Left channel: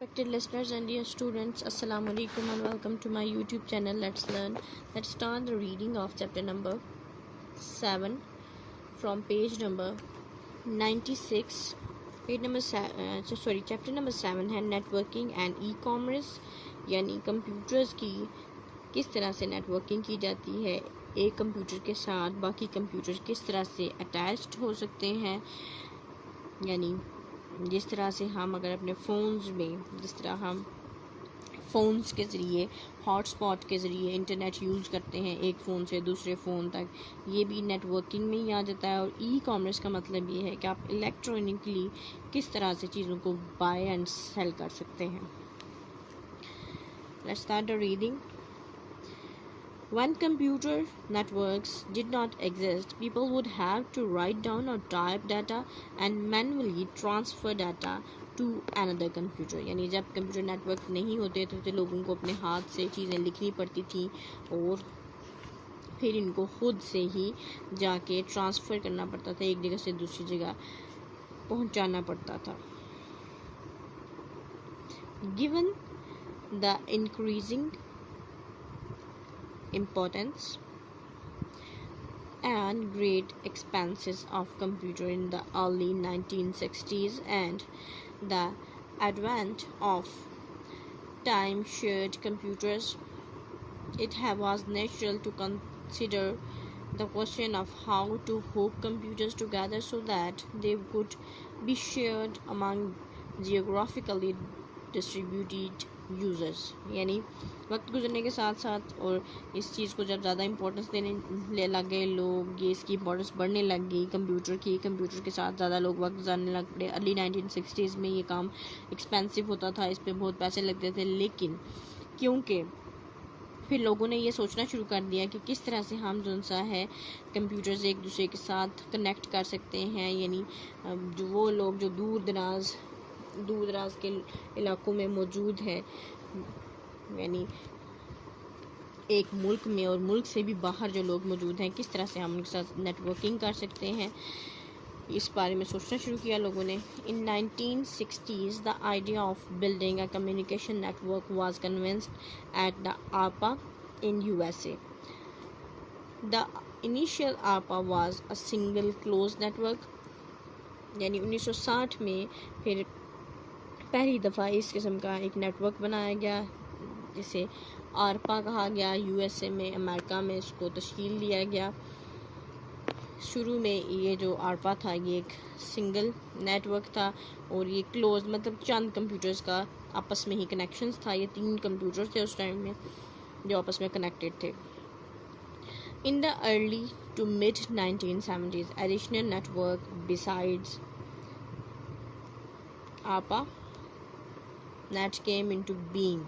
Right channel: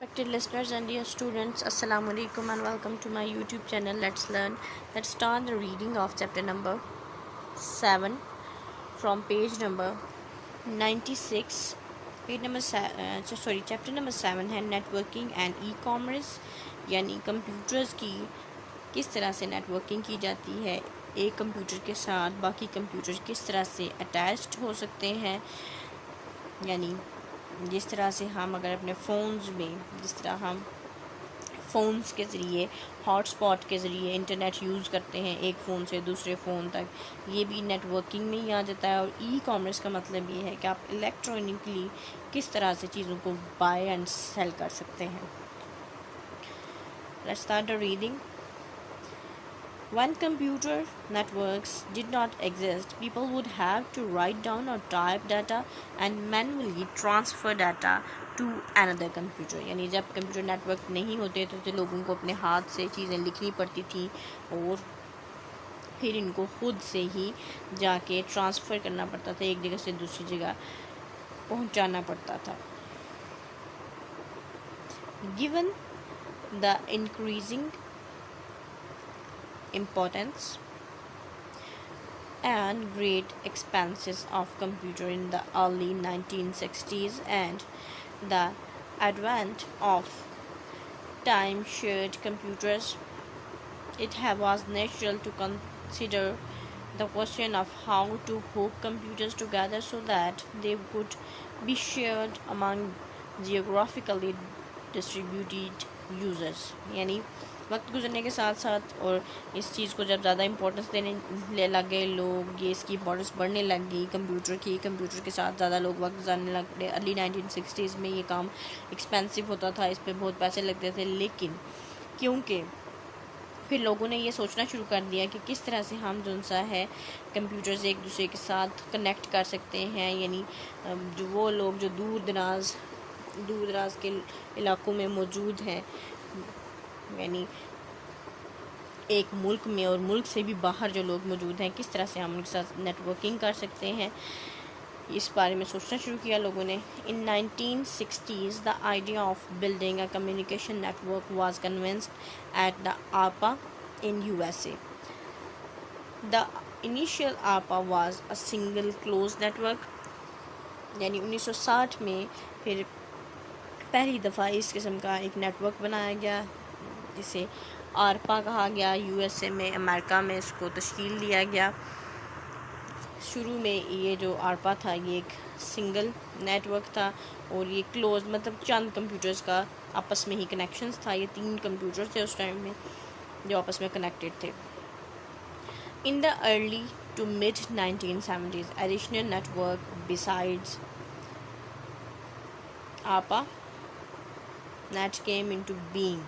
Respected listeners and dear students, Assalamu alaikum and welcome to my YouTube channel. Let's learn. Let's start the reading of chapter number 7 from page number 96. Chapter number 7 है networking and e commerce, यानी computers की किस तरह से networking की जाती है, एक कंप्यूटर के साथ बाकी कंप्यूटर किस तरह से अटैच्ड हो सकते हैं, यानी जिस तरह से हम अगर अपने फ़ोन्स में जिस तरह हम फ़ोन्स के ज़रिए हॉटस्पॉट के ज़रिए इंटरनेट यूज़ करते हैं एक फ़ोन से दूसरे फ़ोन तक, ये भी नेटवर्किंग में ही आ जाता है। और ई कॉमर्स का मतलब ये है कि आप इलेक्ट्रॉनिकली किस तरह से चीज़ों को बाय एंड सेल कर सकते हैं। Let's start the reading. When computer networks did not exist, people would have to write down or type data and manually transfer data to another computer। यानी जब कंप्यूटर नेटवर्क नहीं होते तो लोगों को अपने हाथ से चीज़ें लिखनी पड़ती थी और फिर इनको खुद से ही जाके ट्रांसफ़र करना पड़ता था, एक जगह से दूसरी जगह पहुंचाना पड़ता था। Given the increasing importance and great expenses of computer in the early 1960s and the advent of time shared computers, it was natural to consider the question of how to hook computers together so that they could be shared among geographically distributed users। यानी वक्त गुजरने के साथ साथ और इस चीज़ को जब ज़्यादा इम्पोर्टेंस देने लग गए लोग, ये इसकी इम्पोर्टेंस बढ़ने लग गई कंप्यूटर के साथ ज़्यादा लोग वक्त गुजारने लग पड़े। अर्ली 1960s में ये काम एक्सपेंसिव होता था, इस पर बहुत पैसे लगते थे, लेकिन क्योंकि फिर लोगों ने ये सोचना शुरू कर दिया कि किस तरह से हम जो सा है कंप्यूटर से एक दूसरे के साथ कनेक्ट कर सकते हैं, यानी जो वो लोग जो दूर दराज के इलाकों में मौजूद हैं, यानी एक मुल्क में और मुल्क से भी बाहर जो लोग मौजूद हैं, किस तरह से हम उनके साथ नेटवर्किंग कर सकते हैं, इस बारे में सोचना शुरू किया लोगों ने। इन 1960s the idea of building a communication network was convinced at the आरपा in USA। The initial आरपा was a single close network, यानी 1960 में फिर पहली दफ़ा इस किस्म का एक नेटवर्क बनाया गया जिसे आरपा कहा गया। USA में, अमेरिका में इसको तश्कील दिया गया। शुरू में ये जो आरपा था ये एक सिंगल नेटवर्क था और ये क्लोज मतलब चंद कंप्यूटर्स का आपस में ही कनेक्शंस था। ये 3 कंप्यूटर्स थे उस टाइम में जो आपस में कनेक्टेड थे। In the early to mid 1970s additional network besides ARPA net came into being,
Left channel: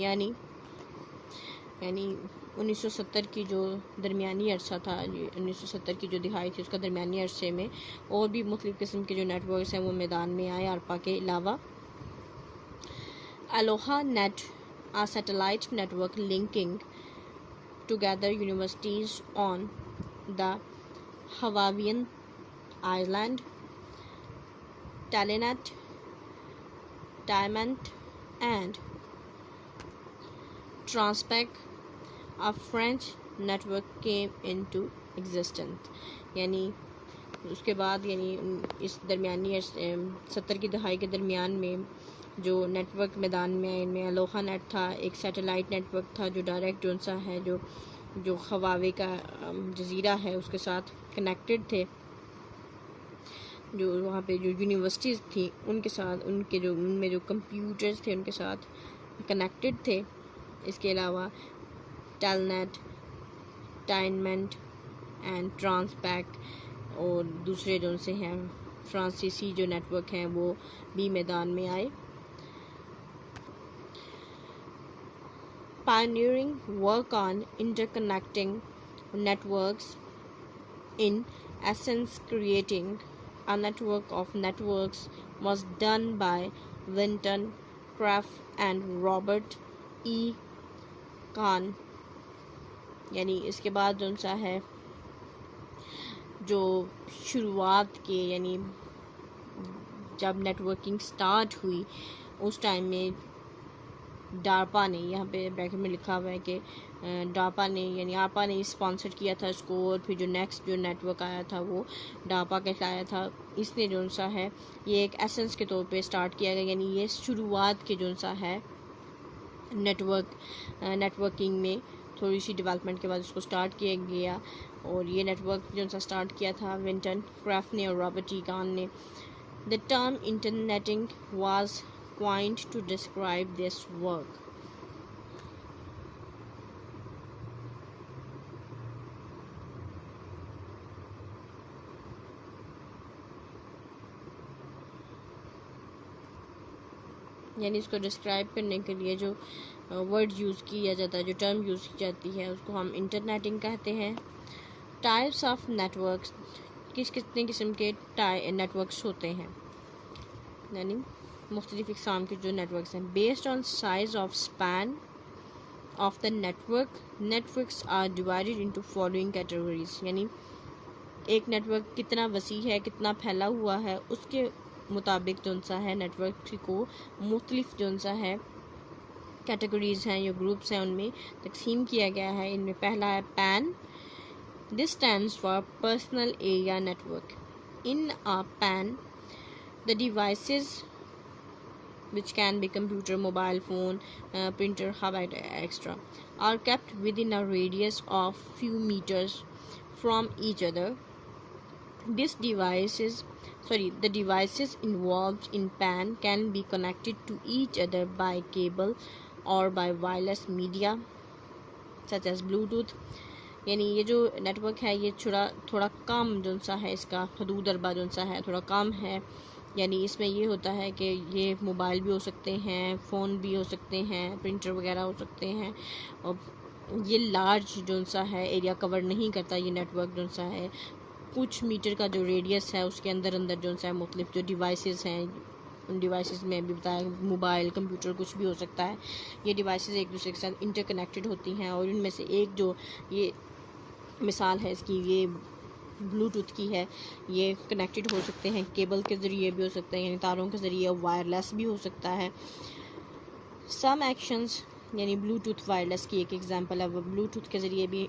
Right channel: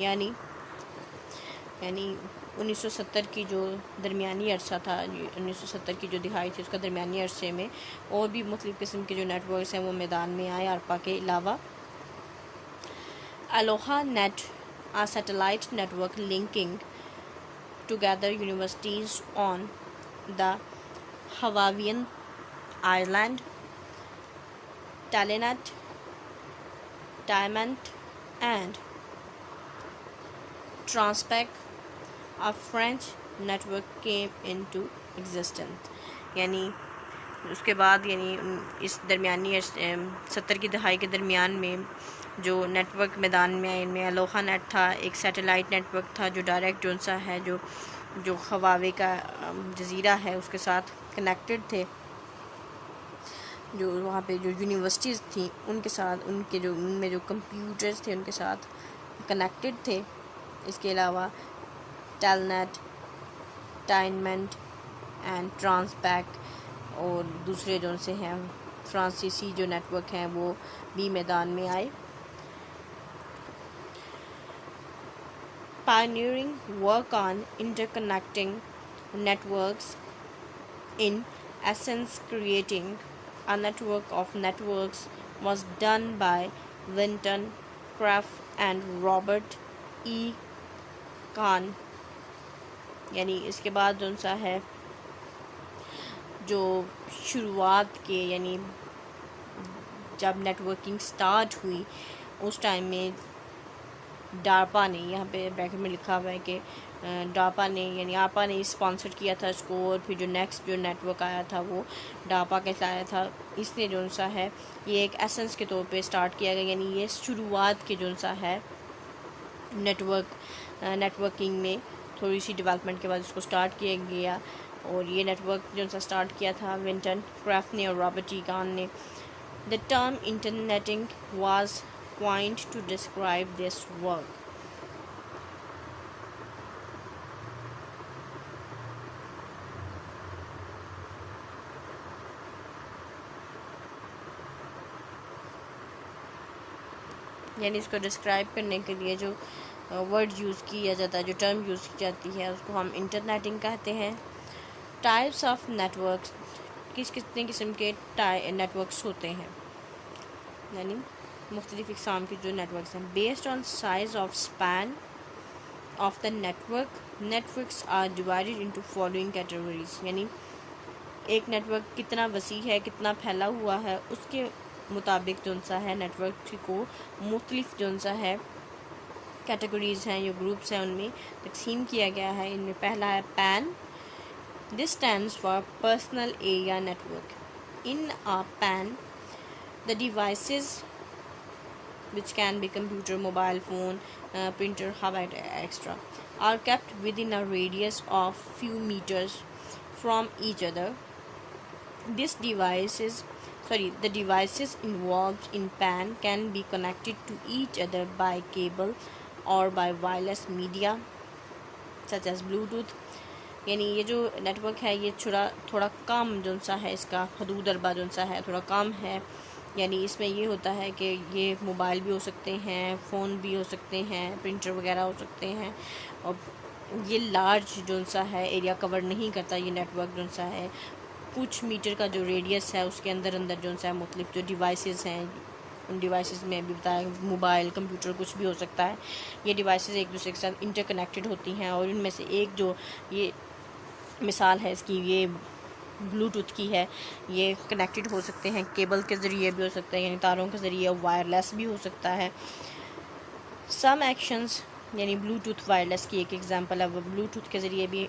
यानी 1970 की जो दरमियानी अरसा था, 1970 की जो दिहाई थी उसका दरमियानी अरसे में और भी मुख्तलिफ़ किस्म के जो नेटवर्क्स हैं वो मैदान में आए आरपा के अलावा। Aloha net, a satellite network linking together universities on the Hawaiian island, Telenet, Diamond and Transpec, a French network came into existence। यानी उसके बाद इस दरमियानी 70 की दहाई के दरमियान में जो नेटवर्क मैदान में आए, इनमें अलोहा नेट था, एक सैटेलाइट नेटवर्क था जो डायरेक्ट जो सा है जो हवावे का जजीरा है उसके साथ कनेक्टेड थे, जो वहाँ पे जो यूनिवर्सिटीज़ थी उनके साथ उनमें जो कंप्यूटर्स थे उनके साथ कनेक्टेड थे। इसके अलावा टेलनेट, टाइनमेंट एंड ट्रांसपैक और दूसरे जो से हैं फ्रांसीसी जो नेटवर्क हैं वो भी मैदान में आए। Pioneering work on interconnecting networks, in essence creating a network of networks, was done by Linton Craft and Robert E. Kahn। यानी इसके बाद जो सा है जो शुरुआत के यानी जब नेटवर्किंग स्टार्ट हुई उस टाइम में डारपा ने, यहाँ पे ब्रैकेट में लिखा हुआ है कि डापा ने यानी आरपा ने स्पॉन्सर किया था इसको, और फिर जो नेक्स्ट जो नेटवर्क आया था वो डापा के आया था। इसने जो सा है ये एक एसेंस के तौर पे स्टार्ट किया गया, यानी ये शुरुआत के जो सा है नेटवर्किंग में थोड़ी सी डेवलपमेंट के बाद उसको स्टार्ट किया गया। और ये नेटवर्क जो सा स्टार्ट किया था विंटन क्राफ्ट ने और रॉबर्ट टी कान ने। The term internetting was coined to describe this work. यानी इसको डिस्क्राइब करने के लिए जो वर्ड यूज़ किया जाता है, जो टर्म यूज़ की जाती है, उसको हम इंटरनेटिंग कहते हैं। टाइप्स ऑफ नेटवर्क्स, कितने किस्म के नेटवर्क्स होते हैं, यानी मुख्तलिफ इक़साम के जो नेटवर्क्स हैं। Based on size of span of the networks are divided into following categories, यानी एक नेटवर्क कितना वसी है, कितना फैला हुआ है, उसके मुताबिक जो सा है नेटवर्क को मुख्तलिफ जो सा है कैटेगरीज हैं या ग्रुप्स हैं उनमें तकसीम किया गया है। इनमें पहला है pan. This stands for personal area network. In a pan the devices which can be computer, mobile phone, printer, however extra, are kept within a radius of few meters from each other. The devices involved in PAN can be connected to each other by cable or by wireless media such as Bluetooth. यानी ये जो network है ये थोड़ा कम जो सा है, इसका हदूद अरबा जो सा है थोड़ा कम है। यानी इसमें ये होता है कि ये मोबाइल भी हो सकते हैं, फ़ोन भी हो सकते हैं, प्रिंटर वगैरह हो सकते हैं, और ये लार्ज जो सा है एरिया कवर नहीं करता ये नेटवर्क जो सा है। कुछ मीटर का जो रेडियस है उसके अंदर जो सा है मुख्तलिफ जो डिवाइसेस हैं, उन डिवाइसेस में भी बताया मोबाइल, कंप्यूटर कुछ भी हो सकता है। ये डिवाइसेस एक दूसरे के साथ इंटरकनेक्टेड होती हैं, और इनमें से एक जो ये मिसाल है इसकी, ये ब्लूटूथ की है। ये कनेक्टेड हो सकते हैं, केबल के ज़रिए भी हो सकते हैं, यानी तारों के ज़रिए, वायरलेस भी हो सकता है। सम एक्शंस, यानी ब्लूटूथ वायरलेस की एक एग्जांपल है, वो ब्लूटूथ के ज़रिए भी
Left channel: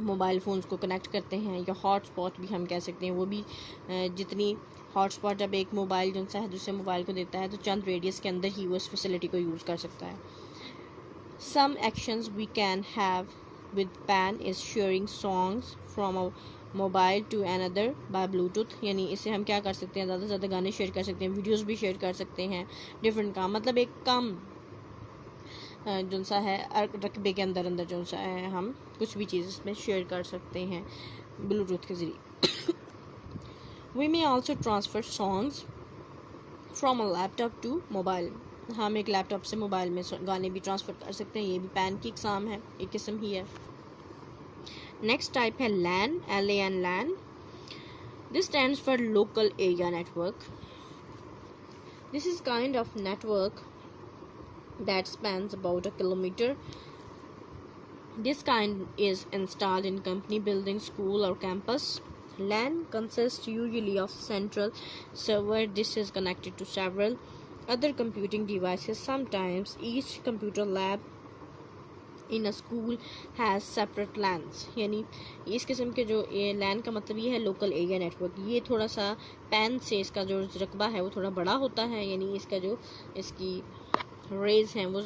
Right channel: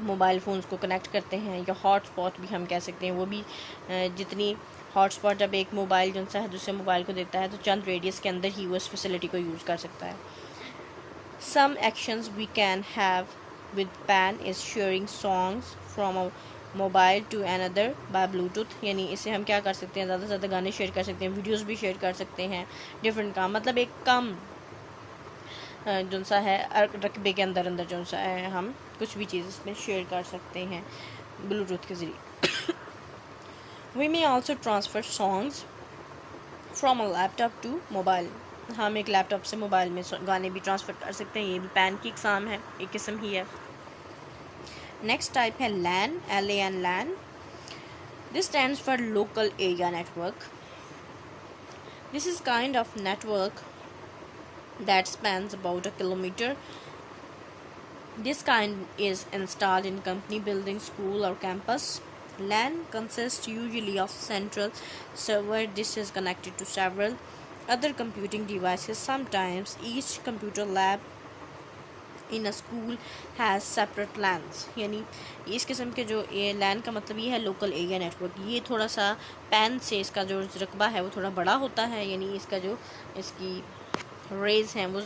मोबाइल फ़ोन्स को कनेक्ट करते हैं, या हॉटस्पॉट भी हम कह सकते हैं। वो भी जितनी हॉटस्पॉट जब एक मोबाइल जो सा है दूसरे मोबाइल को देता है तो चंद रेडियस के अंदर ही वो इस फैसिलिटी को यूज़ कर सकता है। Some actions we can have with PAN is sharing songs from a mobile to another by bluetooth, यानी इससे हम क्या कर सकते हैं, ज़्यादा से ज़्यादा गाने शेयर कर सकते हैं, वीडियोस भी शेयर कर सकते हैं, डिफरेंट काम, मतलब एक कम जो सा है रकबे के अंदर जो सा है हम कुछ भी चीज़ इसमें शेयर कर सकते हैं ब्लूटूथ के ज़रिए। We may also transfer songs from a laptop to mobile, हम एक लैपटॉप से मोबाइल में गाने भी ट्रांसफ़र कर सकते हैं, ये भी पैन की इक़साम है, एक किस्म ही है। नेक्स्ट टाइप है LAN, LAN LAN. This stands for local area network. This is kind of network that spans about a kilometer. This kind is installed in company building, school or campus. LAN consists usually of central server. This is connected to several other computing devices. Sometimes each computer lab in a school has separate lens, यानी इस किस्म के जो ये लैन का मतलब ये है लोकल एरिया नेटवर्क। ये थोड़ा सा पैन से इसका जो रकबा है वो थोड़ा बड़ा होता है, यानी इसका जो इसकी रेज हैं वो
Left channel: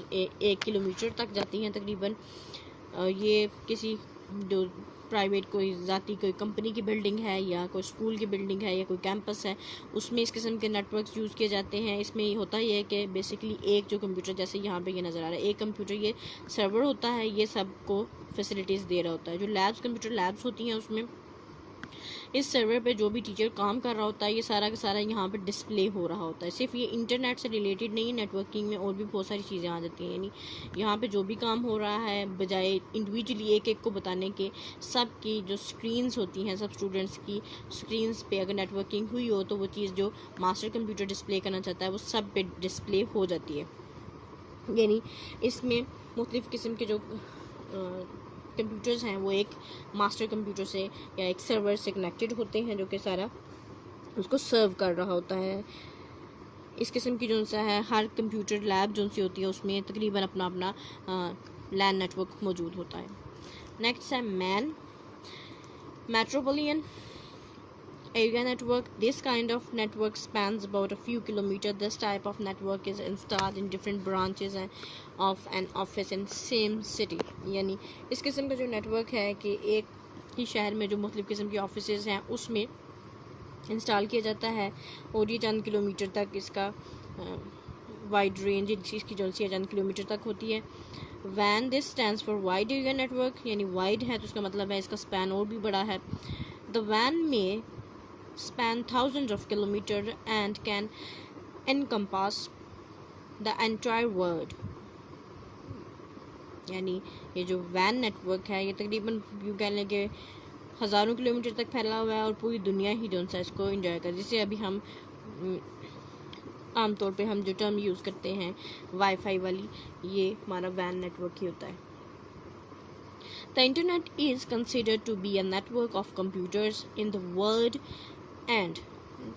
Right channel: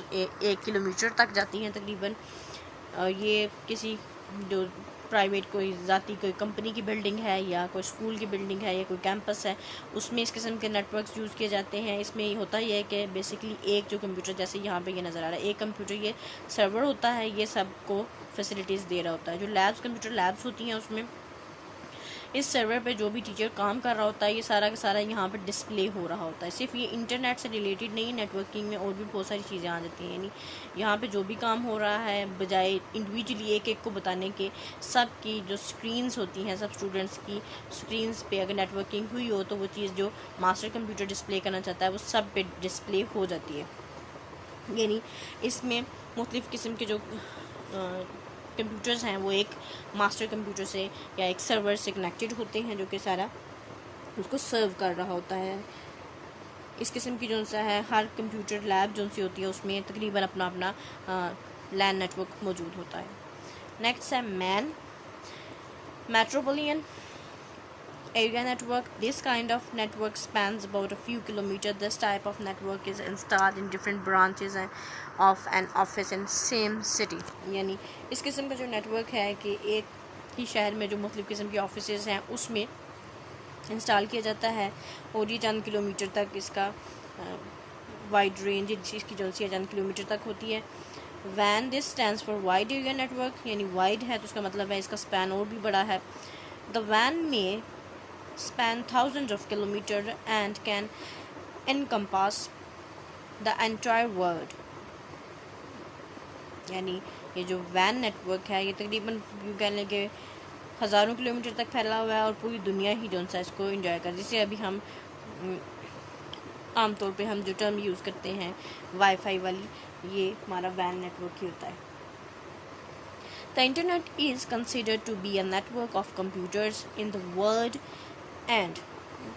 1 किलोमीटर तक जाती हैं तकरीबन। ये किसी जो प्राइवेट कोई ज़ाती कोई कंपनी की बिल्डिंग है या कोई स्कूल की बिल्डिंग है या कोई कैंपस है उसमें इस किस्म के नेटवर्क्स यूज़ किए जाते हैं। इसमें ये होता ही है कि बेसिकली एक जो कंप्यूटर, जैसे यहाँ पे ये नज़र आ रहा है, एक कंप्यूटर ये सर्वर होता है, ये सबको फैसिलिटीज़ दे रहा होता है। जो लैब्स कंप्यूटर लैब्स होती हैं उसमें इस सर्वर पे जो भी टीचर काम कर रहा होता है ये सारा का सारा यहाँ पे डिस्प्ले हो रहा होता है। सिर्फ ये इंटरनेट से रिलेटेड नहीं, नेटवर्किंग में और भी बहुत सारी चीज़ें आ जाती हैं, यानी यहाँ पे जो भी काम हो रहा है बजाय इंडिविजुअली एक एक को बताने के, सब की जो स्क्रीन्स होती हैं, सब स्टूडेंट्स की स्क्रीन्स पे अगर नेटवर्किंग हुई हो तो वो चीज़ जो मास्टर कंप्यूटर डिस्प्ले करना चाहता है वो सब पे डिस्प्ले हो जाती है। यानी इसमें मुख्तलिफ़ किस्म के जो कंप्यूटर्स हैं वो एक मास्टर कंप्यूटर से या एक सर्वर से कनेक्टेड होते हैं जो कि सारा उसको सर्व कर रहा होता है। इस किस्म की जो सा है हर कंप्यूटर लैब जो सी होती है उसमें तकरीबन अपना अपना लैन नेटवर्क मौजूद होता है। नेक्स्ट है man metropolitan area network. This kind of network spans about a few kilometers. This type of network is installed in different branches of an office in same city. यानी इस किस्म का जो नेटवर्क है कि एक ही शहर में जो मुख्तलिफ किस्म की ऑफिसेज हैं उसमें इंस्टॉल किया जाता है और ये चंद किलोमीटर तक इसका वाइड रेंज इसकी जो सी चंद किलोमीटर तक होती है। When this stands for wide area network, यानी वाइड है तो उसका मतलब है इसका स्पैन और भी बड़ा है। द वैन में span thousands of kilometers and can encompass the entire world. यानी ये जो वैन नेटवर्क है ये तकरीबन कह लें कि हज़ारों किलोमीटर तक फैला हुआ है और पूरी दुनिया ही जो सा इसको इंजॉय कर, जिसे अभी हम आमतौर पे हम जो टर्म यूज़ करते हैं वाईफाई वाली, ये हमारा वैन नेटवर्क ही होता है। The internet is considered to be a network of computers in the world and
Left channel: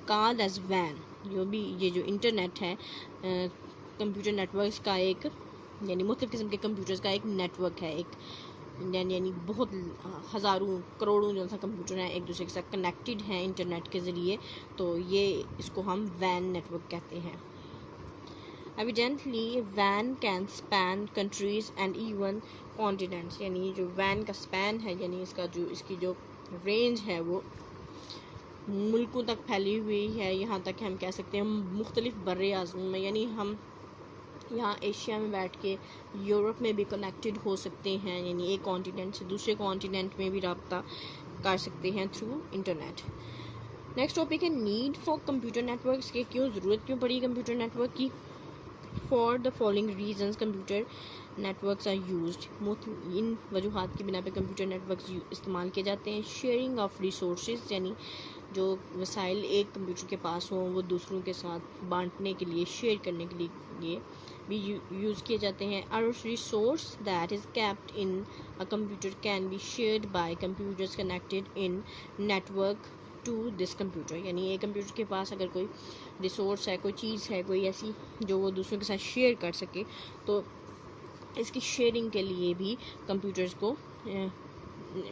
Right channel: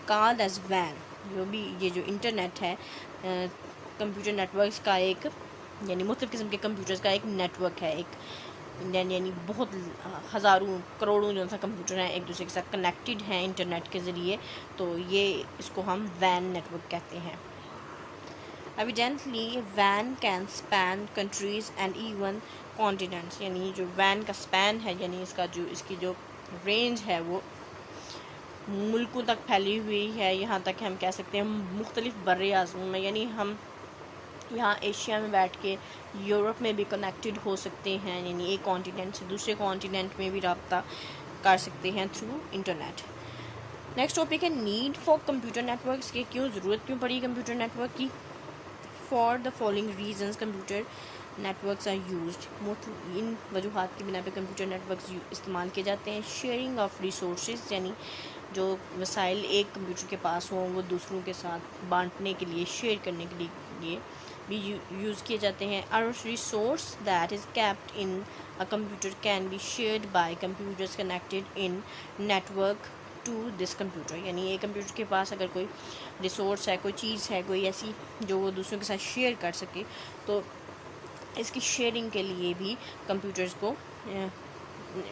called as WAN. जो भी ये जो इंटरनेट है कंप्यूटर नेटवर्क्स का एक यानी मुख्तलिफ किस्म के कंप्यूटर्स का एक नेटवर्क है, एक यानी बहुत हज़ारों करोड़ों जो सा कंप्यूटर हैं एक दूसरे के साथ कनेक्टेड हैं इंटरनेट के ज़रिए, तो ये इसको हम वैन नेटवर्क कहते हैं। Evidently, WAN can span countries and even continents. यानी जो WAN का स्पैन है यानी इसकी जो रेंज है वो मुल्कों तक फैली हुई है, यहाँ तक हम कह सकते हैं मुख्तलिफ बर्रे आज़म में, यानी हम यहाँ एशिया में बैठ के यूरोप में भी कनेक्टेड हो सकते हैं, यानी एक कॉन्टिनेंट से दूसरे कॉन्टिनेंट में भी रब्ता कर सकते हैं थ्रू इंटरनेट। नेक्स्ट टॉपिक है नीड फॉर कंप्यूटर नेटवर्क्स, की ज़रूरत क्यों पड़ी कंप्यूटर नेटवर्क की। For the following reasons computer networks are used, इन वजूहात की बिना पे कंप्यूटर नेटवर्क्स इस्तेमाल किए जाते हैं। शेयरिंग ऑफ रिसोर्सेज, यानी जो वसाइल एक कंप्यूटर के पास हों वो दूसरों के साथ बांटने के लिए शेयर करने के लिए भी यूज़ किए जाते हैं। और resource that is kept in a computer can be shared by computers connected in network to this computer, यानी एक कंप्यूटर के पास अगर कोई रिसोर्स है, कोई चीज़ है, कोई ऐसी जो वो दूसरों के साथ शेयर कर सके, तो इसकी शेयरिंग के लिए भी कंप्यूटर्स को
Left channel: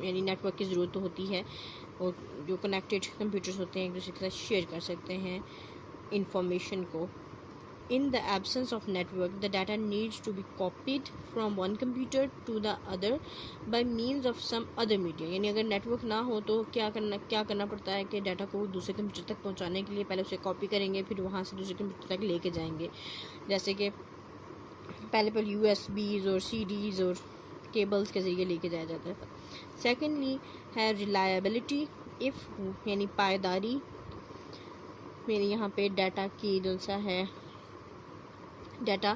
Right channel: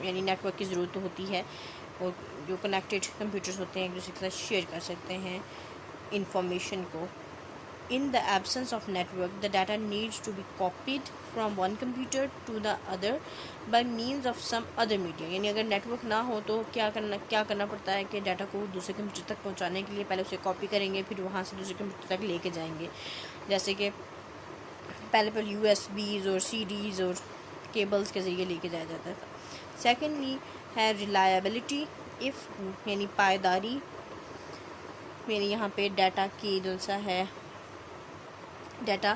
यानी नेटवर्क की ज़रूरत होती है और जो कनेक्टेड कंप्यूटर्स होते हैं एक दूसरे के साथ शेयर कर सकते हैं इंफॉर्मेशन को। In the absence of network the data needs to be copied from one computer to the other by means of some other media, यानी अगर नेटवर्क ना हो तो क्या करना पड़ता है कि डाटा को दूसरे कंप्यूटर तक पहुंचाने के लिए पहले उसे कॉपी करेंगे, फिर वहाँ से दूसरे कंप्यूटर तक लेके जाएंगे। जैसे कि पहले USBs और CDs और केबल्स के ज़रिए लेके जाया जाता था। सेकेंडली है रिलायबिलिटी, इफ़ यानी पायदारी, यानी यहाँ पे डाटा की जो सा है डाटा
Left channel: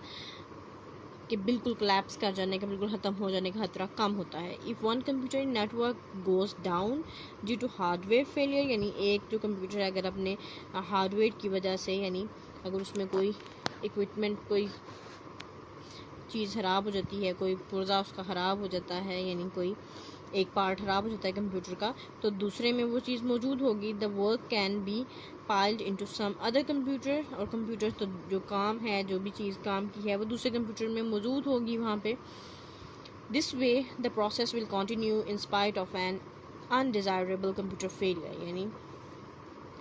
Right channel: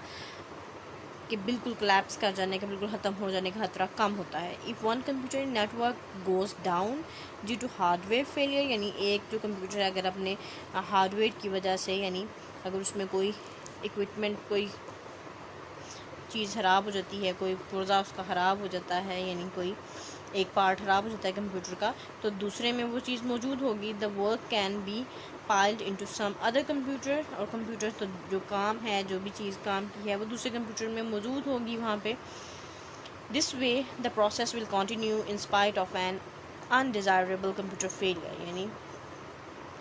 कि बिल्कुल कोलैप्स कर जाने का, बिल्कुल ख़त्म हो जाने का खतरा कम होता है। If one computer network goes down due to hardware failure, यानी एक जो कंप्यूटर है अगर अपने हार्डवेयर की वजह से, यानी अगर उसमें कोई इक्विपमेंट कोई चीज़ ख़राब हो जाती है, कोई पुर्जा उसका ख़राब हो जाता है, यानी कोई एक पार्ट ख़राब हो जाता है कंप्यूटर का, तो दूसरे में वो चीज़ मौजूद होगी। The work can be piled into some other computer, और कंप्यूटर तो जो काम है जो भी चीज़ काम की है वो दूसरे कंप्यूटर में मौजूद होगी वहाँ पे। This way the process will continue in spite of an undesirable computer failure, यानी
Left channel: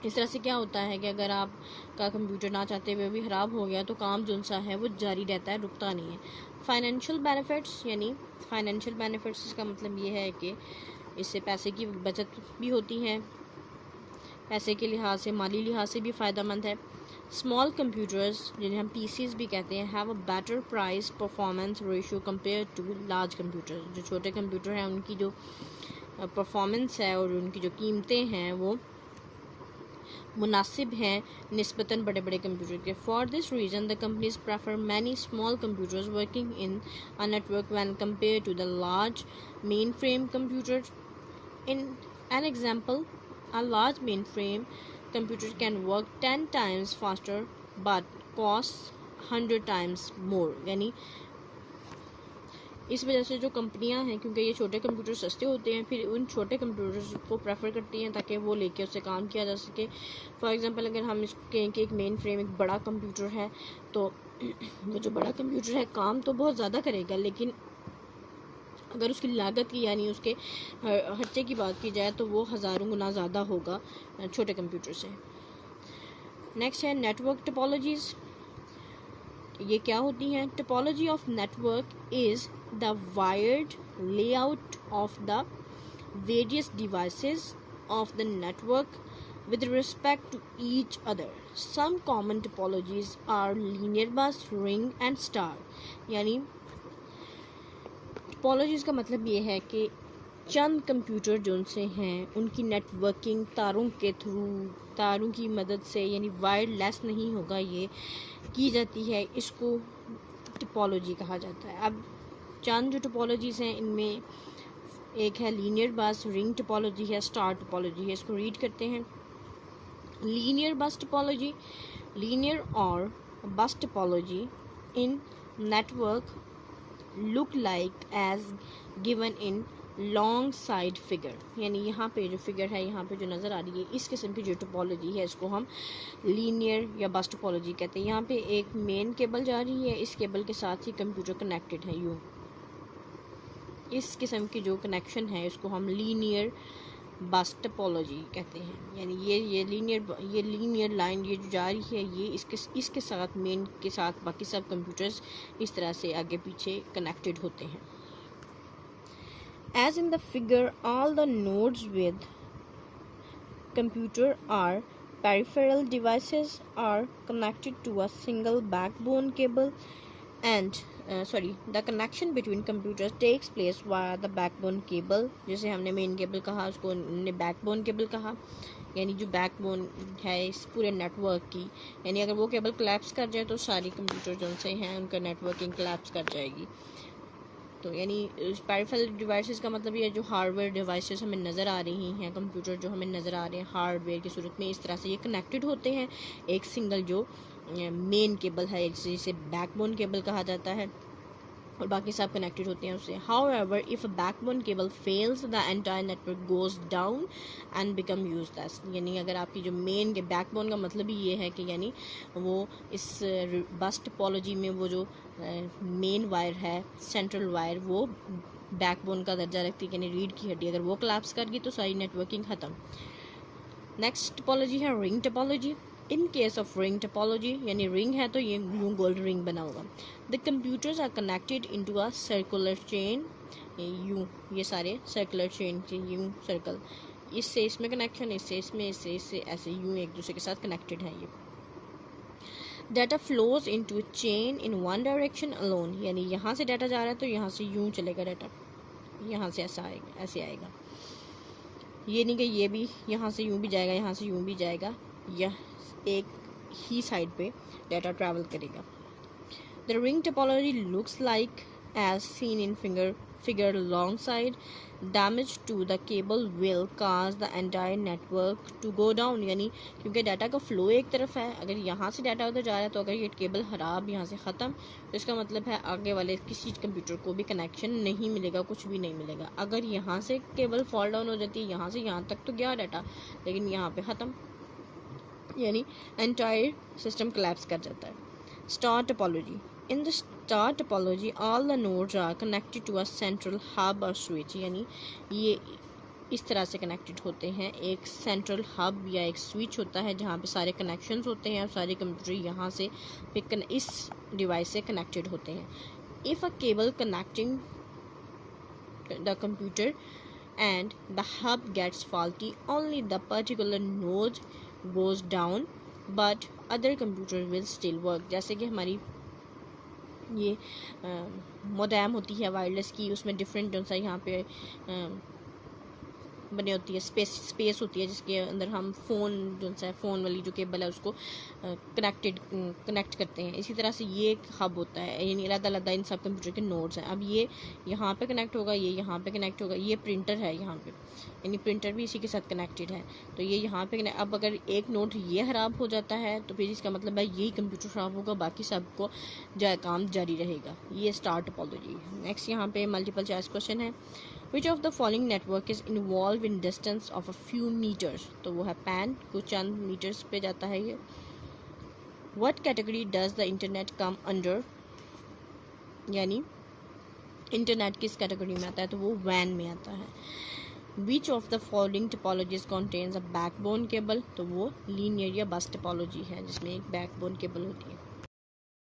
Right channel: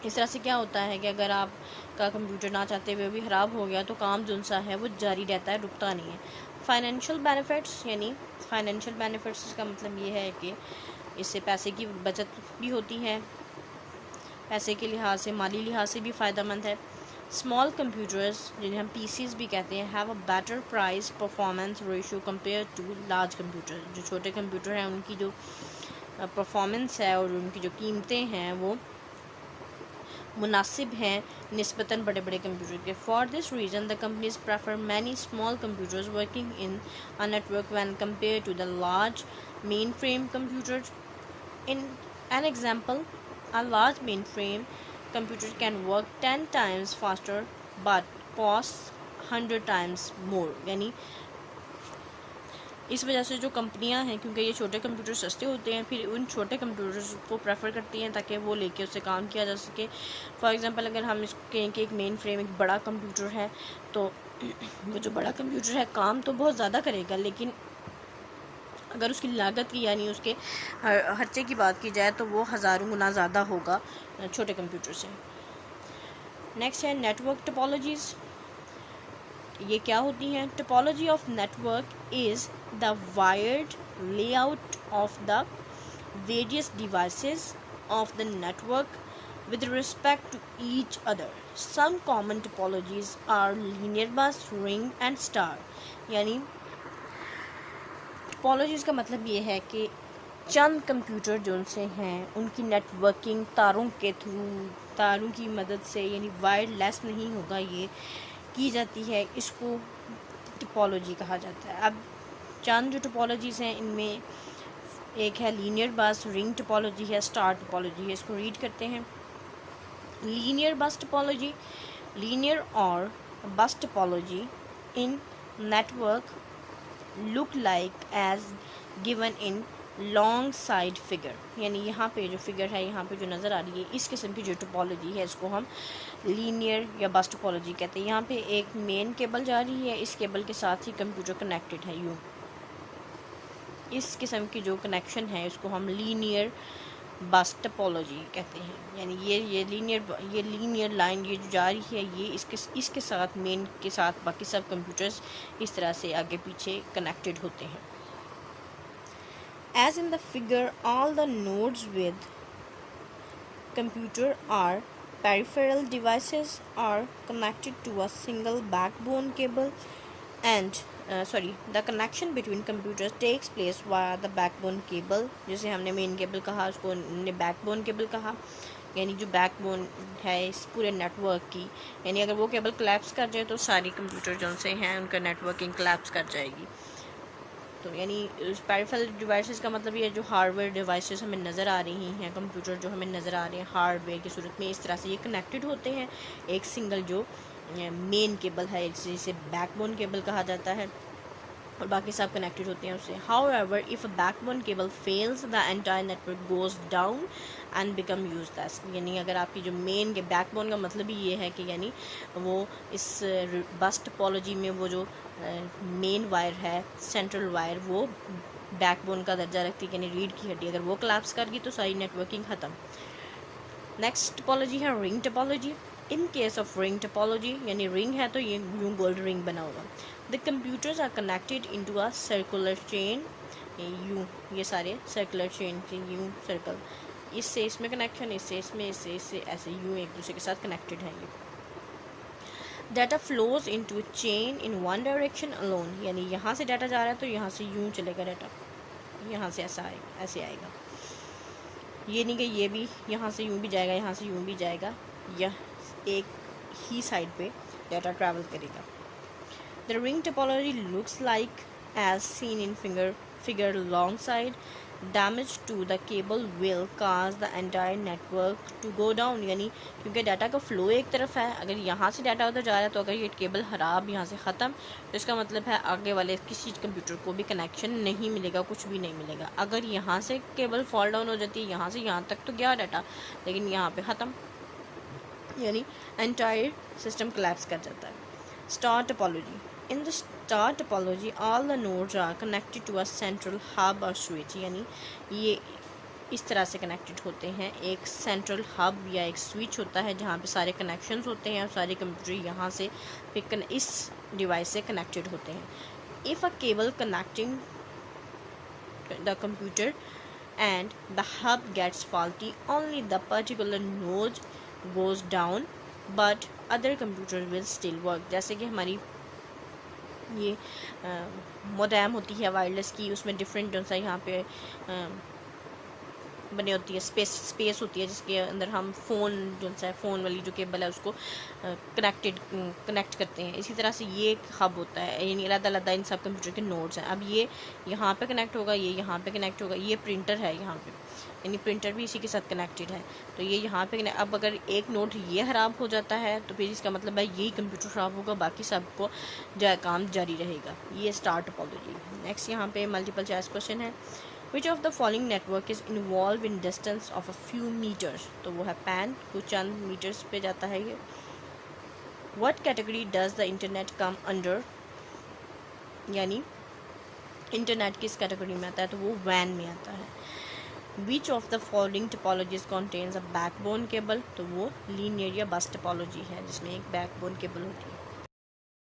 इस तरह से क्या होता है कि अगर आपका कंप्यूटर ना चाहते हुए भी ख़राब हो गया तो काम जो सा है वो जारी रहता है, रुकता नहीं है। फाइनेंशियल बेनिफिट्स, यानी फाइनेंशियल बेनिफिट्स का मतलब ये है कि इससे पैसे की बचत भी होती है, पैसे के लिहाज से, माली लिहाज से भी फ़ायदेमंद है। स्मॉल कंप्यूटर्स जिन्हें हम PCs भी कहते हैं have a better price performance ratio compare to large computer, जो छोटे कंप्यूटर हैं उनकी जो परफॉर्मेंस है और उनकी जो कीमतें हैं वो मुनासिब हैं निस्बतन बड़े बड़े कंप्यूटर के। For this reason the companies prefer many small computers working in a network when compare to the large mainframe computer. In an example, a large mainframe computer can work 10 times faster but costs 100 times more, यानी इस वजह से जो कंपनियां हैं, क्योंकि ये छोटे कंप्यूटर सस्ते होते हैं, फिर उन छोटे कंप्यूटर्स को प्रेफर करती हैं ताकि वो लेके उससे काम किया जा सके। फॉर एग्जांपल अगर हम इसको कहें कि एक मेन फ्रेम एक बड़ा कंप्यूटर है, तो वो जो बड़ा कंप्यूटर है काम तो बहुत ज़्यादा करेगा, लेकिन अगर उसकी लागत की यानी उसके खर्चे की बात की जाए तो वो हज़ारों गुना ज़्यादा होगा छोटे कंप्यूटर से। नेक्स्ट है नेटवर्क टोपोलॉजीज़। ये क्या होती है? Topology of network is the wired layout of the various devices of the network with respect to each other. Some common topologies are linear bus, ring and star. यानी topologies का मतलब ये है कि चंद कंप्यूटर जो उनसे हैं उनकी नेटवर्किंग तारों के थ्रू, तारों की मदद से, यानी वायरलेस नहीं होगा, ये की जाती है, इसको टोपोलॉजी कहा जाता है। अब चंद जो टोपोलॉजीज़ हैं इनमें एक है लीनियर बस, रिंग टोपोलॉजी है, स्टार टोपोलॉजी है। इसको रीड करते हैं। लीनियर बस टोपोलॉजी, लीनियर और बस topology in network look like as given in long side figure. यानी यहाँ पे जो फिगर है, यहाँ पे जो नज़र आ रही है, इस किस्म की जो टोपोलॉजी है इसको हम लीनियर या बस टोपोलॉजी कहते हैं। यहाँ पे एक मेन केबल जा रही है, इस केबल के साथ ही कंप्यूटर कनेक्टेड है यूँ। इस किस्म की जो कनेक्शन है इसको हम लीनियर बस टोपोलॉजी कहते हैं। यानी ये लीनियर लाइन ये जो जा रही है, ये इसके साथ मेन के साथ बाकी सब कंप्यूटर्स इस तरह से आगे पीछे कनेक्टेड होते हैं। As in the figure, all the nodes with computer are peripheral devices are connected to a single backbone cable and the connection between computers takes place via the backbone cable। जैसे हमने main cable कहा, उसको हमने backbone cable कहा। यानी जो backbone है इस पूरे नेटवर्क की, यानी अगर वो केबल कोलैप्स कर जाए तो सारी कंप्यूटर जो से हैं उनका नेटवर्किंग कोलैप्स कर जाएगी। तो यानी पेरिफेरल डिवाइसेस का मतलब ये जो हार्डवेयर डिवाइसेस हमें नज़र आ रही हैं, कंप्यूटर जो हमें नज़र आ रहे हैं हार्डवेयर की सूरत में, इस तरह से ये कनेक्टेड होते हैं एक सिंगल जो मेन केबल है, जिसे बैकबोन केबल कहा जाता है, और बाकी सब कनेक्टेड होते हैं उससे। However if backbone cable fails the entire network goes down and become useless. यानी अगर आपकी जो मेन के बैकबोन का मतलब ही ये है कि यानी वो इस बस टोपोलॉजी में वो जो मेन वायर है, सेंट्रल वायर, वो बैकबोन का दर्जा रखती है, यानी रीढ़ की हड्डी, अगर वो कोलैप्स कर गई तो सारी नेटवर्किंग ख़त्म। नेक्स्ट टोपोलॉजी है ring topology. In case of ring topology, यानी रिंग है तो ये यूँ गोल्ड रिंग बना होगा। The computers are connected into a circular chain. यूँ ये सारे सर्कुलर चेन के यूँ सर्कल, इससे इसमें कनेक्शन, इससे इसमें, इससे ऐसे यूँ एक दूसरे के साथ कनेक्टेड है। ये data flows into chain in one direction alone. यानी यहाँ से डाटा जा रहा है तो यहाँ से यूँ चलेगा डाटा, यहाँ से ऐसे आएगा। ये नहीं कि ये भी यहाँ से यूँ भी जाएगा, यहाँ से यूँ भी जाएगा, यह एक ही साइड पे डाटा ट्रैवल करेगा। The ring topology looks like as seen in figure long side. Damage to the cable will cause the entire network to go down. यानी क्योंकि डाटा का फ्लो एक तरफ है, अगर यहाँ से डाटा उधर जा रहा है तो अगर ये केबल खराब यहाँ से ख़त्म, तो इसका मतलब है आगे वाले किसी कंप्यूटर को भी कनेक्शन नहीं मिलेगा, कुछ भी नहीं मिलेगा। अगर यहाँ से केबल फॉल डाउन हो जाती है, यहाँ से यहाँ तक तो गया डाटा, लेकिन यहाँ पे ख़त्म, यानी एंटायर सिस्टम कोलैप्स कर जाता है। Star topology. In the star topology all the nodes are connected to a central hub और स्विच। यानी ये इस तरह से कनेक्टेड होते हैं, एक सेंट्रल हब या एक स्विच होता है जहाँ पे सारे कनेक्शंस होते हैं और सारे कंप्यूटर यहाँ से इस डिवाइस से कनेक्टेड होते हैं। If a cable connecting the computer and the hub gets faulty, only the particular node goes down but other computer will still work। जैसे कि हमारी ये मोडेम होती है वायरलेस की, उसमें डिफरेंट जो सा यहाँ पे बनी होती है, स्पेस होती है जिसके अंदर हम फ़ोन जो सा फ़ोन वाली जो केबल है उसको कनेक्ट करते हैं। इसी तरह से ये एक हब होता है, यानी अलग इन सब कंप्यूटर के नोड्स हैं। अब ये यहाँ पे कनेक्ट होगा, ये यहाँ पे कनेक्ट होगा, ये प्रिंटर है यहाँ पे, यानी प्रिंटर भी इसी के साथ कनेक्टेड है। तो ये यहाँ पे अब अगर एक नोड ये ख़राब हो जाता है तो फिर इसका मतलब है यही कंप्यूटर ख़राब होगा, बाकी सबको जो है काम जारी रहेगा। ये स्टार टोपोलॉजी। नेक्स्ट यहाँ पे मल्टीपल चॉइस क्वेश्चन है, which of the following network is involve in distance of a few metres. तो वो है पैन, कुछ चंद मीटर्स पे जाता है ये। What category does the internet come under, यानी इंटरनेट किस कैटेगरी में आता है, तो वो वैन में आता है। Which of the following topologies contains a backbone cable, तो वो लीनियर या बस टोपोलॉजी है जिसमें एक बैकबोन केबल होती है।